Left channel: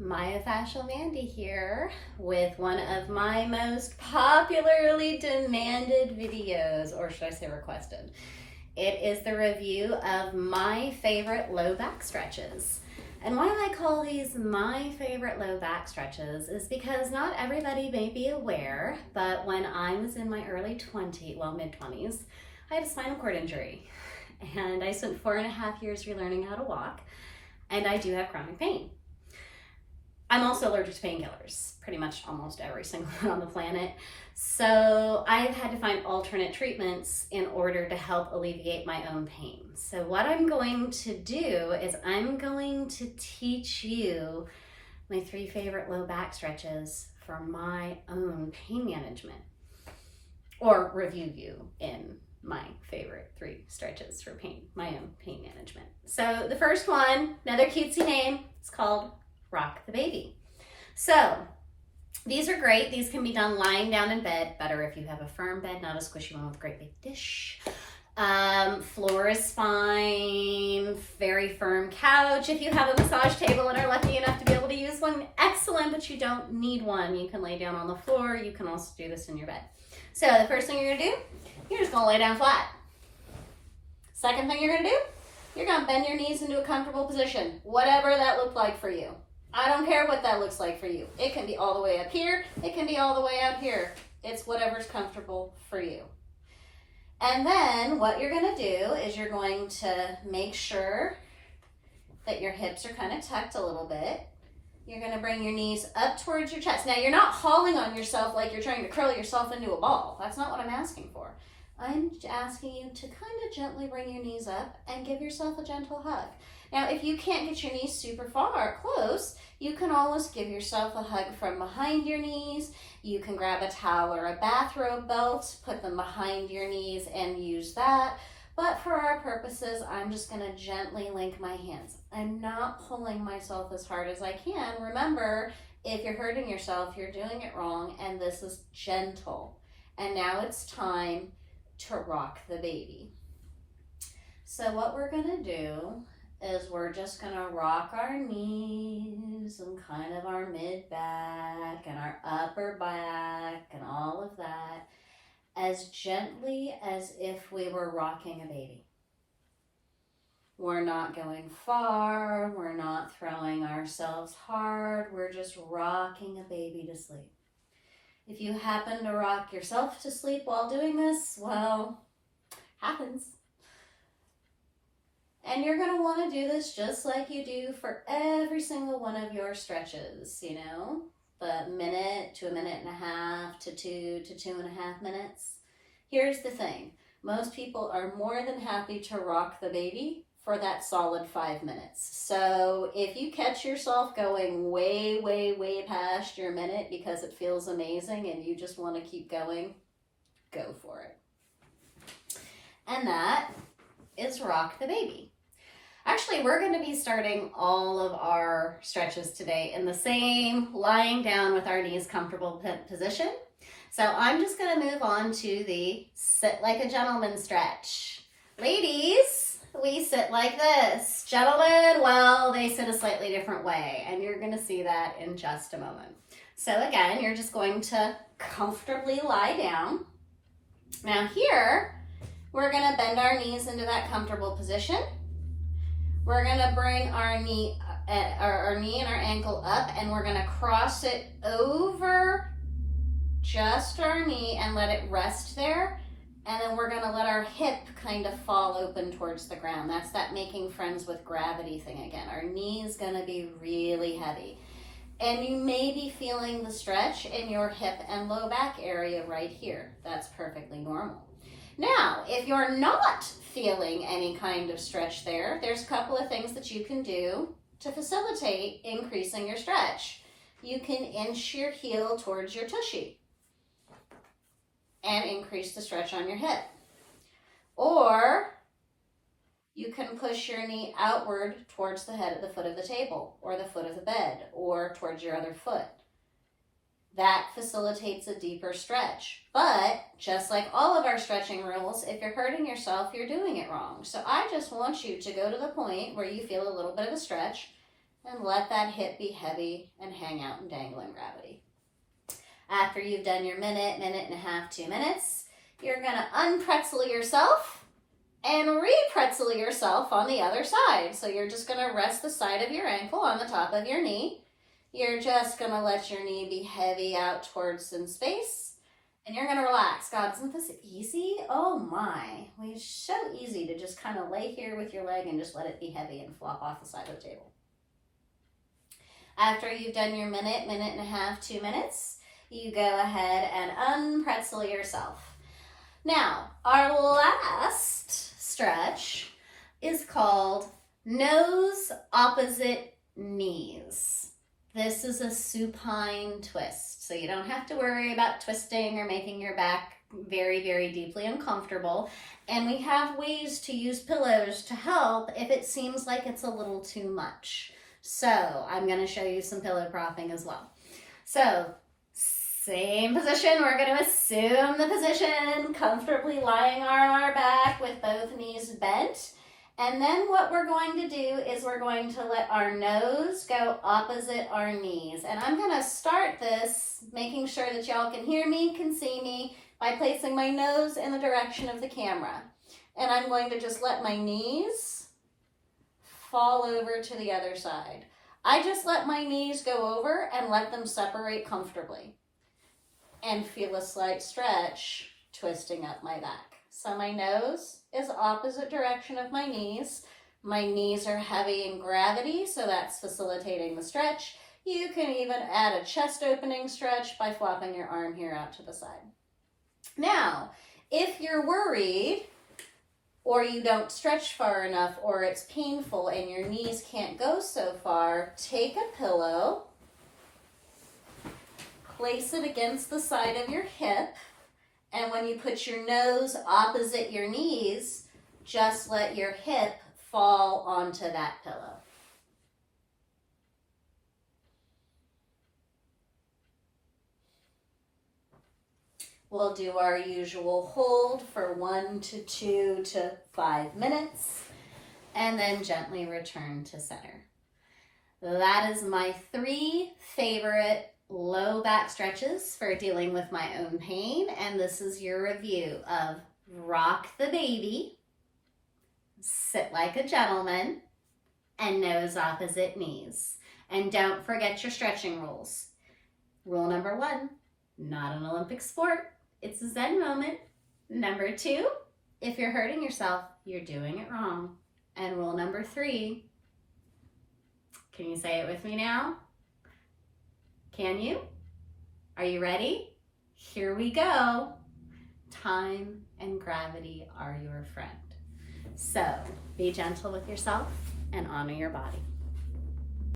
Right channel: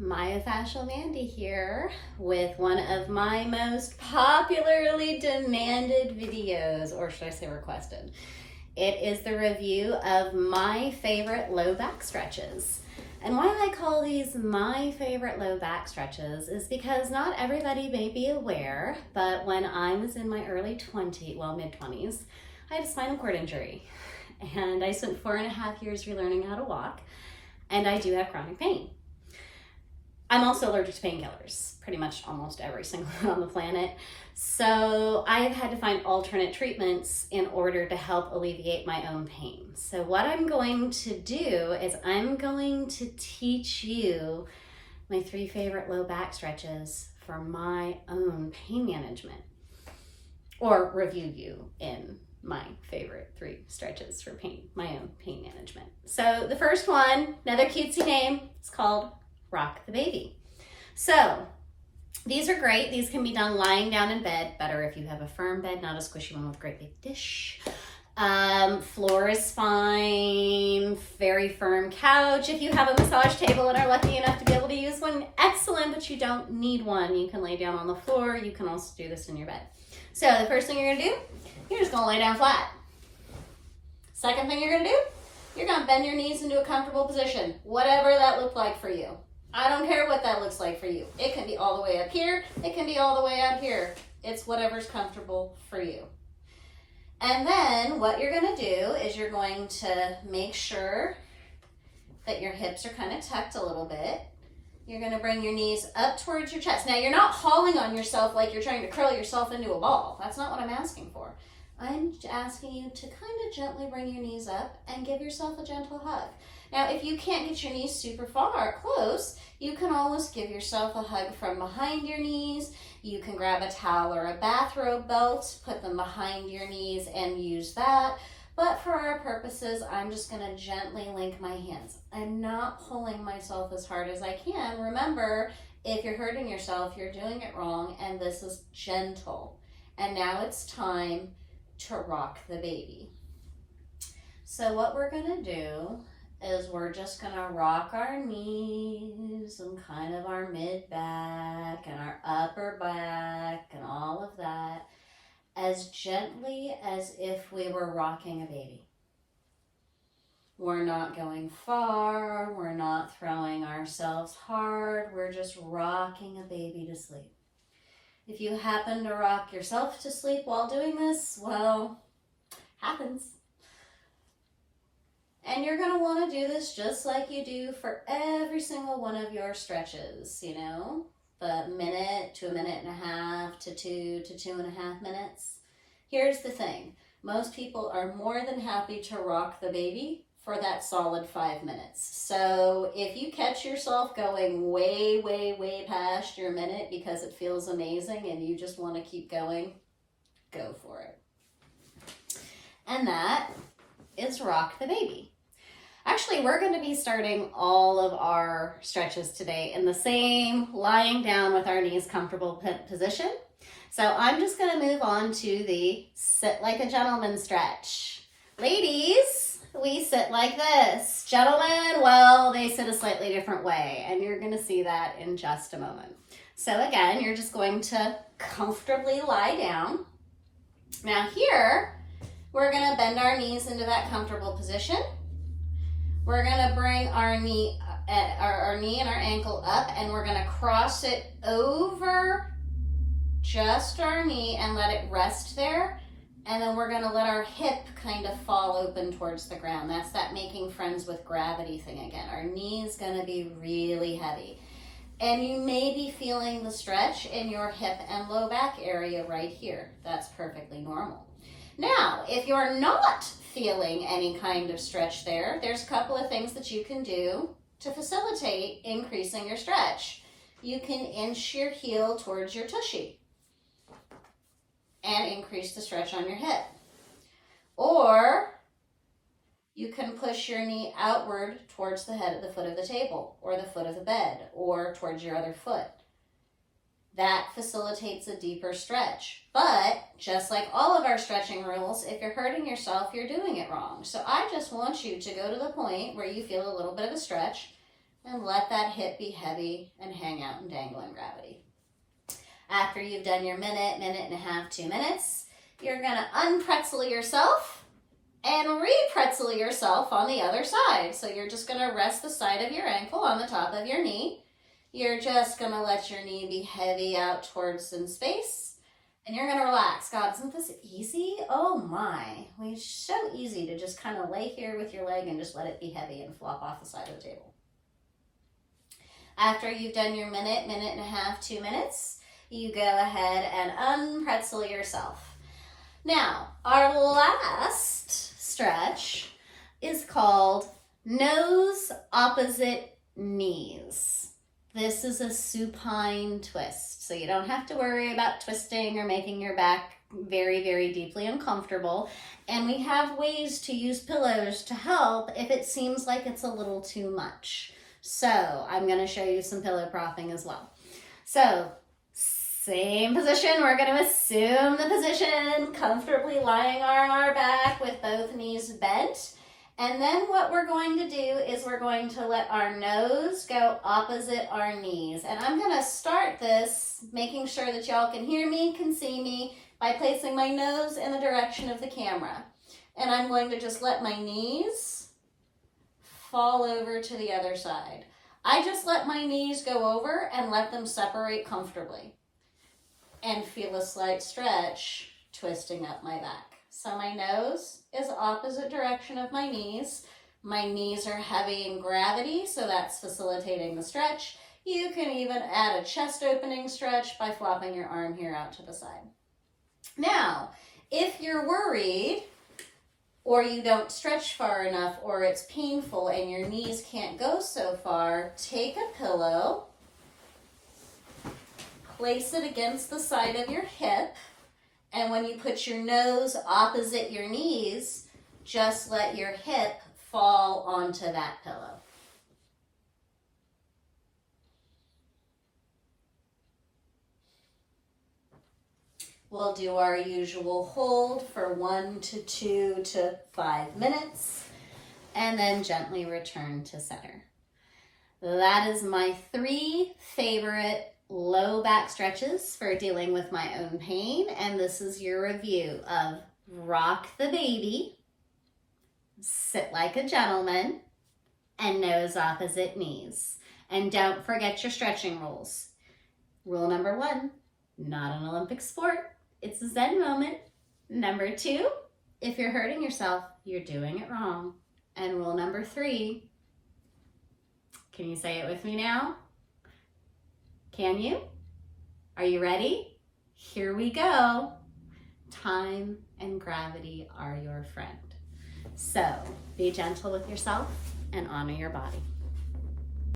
Myofascial Mandy here with one of my most popularly demanded videos, or should I say requested. It is the review of my favorite low back stretches. And why I call these my favorite low back stretches is because not everybody may be aware, but when I was in my mid-20s, I had a spinal cord injury. And I spent 4.5 years relearning how to walk, and I do have chronic pain. I'm also allergic to painkillers, pretty much almost every single one on the planet. So I've had to find alternate treatments in order to help alleviate my own pain. So what I'm going to do is I'm going to teach you my 3 favorite low back stretches for my own pain management, or review you in my favorite 3 stretches for my own pain management. So the first one, another cutesy name, it's called Rock the Baby. So these are great. These can be done lying down in bed. Better if you have a firm bed, not a squishy one with a great big dish. Floor is fine. Very firm couch. If you have a massage table and are lucky enough to be able to use one, excellent, but you don't need one. You can lay down on the floor. You can also do this in your bed. So the first thing you're gonna do, you're just gonna lay down flat. Second thing you're gonna do, you're gonna bend your knees into a comfortable position, whatever that looked like for you. I don't care what that looks like for you. It can be all the way up here. It can be all the way out here. It's whatever's comfortable for you. And then what you're going to do is you're going to make sure that your hips are kind of tucked a little bit. You're going to bring your knees up towards your chest. Now, you're not hauling on yourself like you're trying to curl yourself into a ball. That's not what I'm asking for. I'm asking you to kind of gently bring your knees up and give yourself a gentle hug. Now, if you can't get your knees super close, you can always give yourself a hug from behind your knees. You can grab a towel or a bathrobe belt, put them behind your knees and use that. But for our purposes, I'm just gonna gently link my hands. I'm not pulling myself as hard as I can. Remember, if you're hurting yourself, you're doing it wrong, and this is gentle. And now it's time to rock the baby. So what we're gonna do is we're just gonna rock our knees and kind of our mid back and our upper back and all of that as gently as if we were rocking a baby. We're not going far, we're not throwing ourselves hard, we're just rocking a baby to sleep. If you happen to rock yourself to sleep while doing this, well, happens. And you're going to want to do this just like you do for every single one of your stretches, you know, the minute to a minute and a half to 2 to 2.5 minutes. Here's the thing. Most people are more than happy to rock the baby for that solid 5 minutes. So if you catch yourself going way past your minute because it feels amazing and you just want to keep going, go for it. And that is rock the baby. Actually, we're going to be starting all of our stretches today in the same lying down with our knees comfortable position. So I'm just going to move on to the sit like a gentleman stretch. Ladies, we sit like this. Gentlemen, well, they sit a slightly different way, and you're going to see that in just a moment. So again, you're just going to comfortably lie down. Now here, we're going to bend our knees into that comfortable position. We're going to bring our knee and our ankle up, and we're going to cross it over just our knee and let it rest there. And then we're going to let our hip kind of fall open towards the ground. That's that making friends with gravity thing again. Our knee is going to be really heavy. And you may be feeling the stretch in your hip and low back area right here. That's perfectly normal. Now, if you're not feeling any kind of stretch there, there's a couple of things that you can do to facilitate increasing your stretch. You can inch your heel towards your tushy and increase the stretch on your hip. Or you can push your knee outward towards the head of the foot of the table or the foot of the bed or towards your other foot. That facilitates a deeper stretch. But just like all of our stretching rules, if you're hurting yourself, you're doing it wrong. So I just want you to go to the point where you feel a little bit of a stretch, and let that hip be heavy and hang out and dangle in gravity. After you've done your minute, minute and a half, 2 minutes, you're gonna unpretzel yourself and re-pretzel yourself on the other side. So you're just gonna rest the side of your ankle on the top of your knee. You're just gonna let your knee be heavy out towards in space, and you're gonna relax. God, isn't this easy? Oh my, it's so easy to just kind of lay here with your leg and just let it be heavy and flop off the side of the table. After you've done your minute, minute and a half, 2 minutes, you go ahead and unpretzel yourself. Now, our last stretch is called nose opposite knees. This is a supine twist, so you don't have to worry about twisting or making your back very, very deeply uncomfortable. And we have ways to use pillows to help if it seems like it's a little too much. So I'm going to show you some pillow propping as well. So same position, we're going to assume the position, comfortably lying on our back with both knees bent. And then what we're going to do is we're going to let our nose go opposite our knees. And I'm going to start this, making sure that y'all can hear me, can see me, by placing my nose in the direction of the camera. And I'm going to just let my knees fall over to the other side. I just let my knees go over and let them separate comfortably. And feel a slight stretch twisting up my back. So my nose is opposite direction of my knees. My knees are heavy in gravity, so that's facilitating the stretch. You can even add a chest opening stretch by flopping your arm here out to the side. Now, if you're worried or you don't stretch far enough or it's painful and your knees can't go so far, take a pillow, place it against the side of your hip, and when you put your nose opposite your knees, just let your hip fall onto that pillow. We'll do our usual hold for 1 to 2 to 5 minutes, and then gently return to center. That is my 3 favorite low back stretches for dealing with my own pain, and this is your review of rock the baby, sit like a gentleman, and nose opposite knees. And don't forget your stretching rules. Rule number 1, not an Olympic sport, it's a Zen moment. Number 2, if you're hurting yourself, you're doing it wrong. And rule number 3, can you say it with me now? Can you? Are you ready? Here we go. Time and gravity are your friend. So be gentle with yourself and honor your body.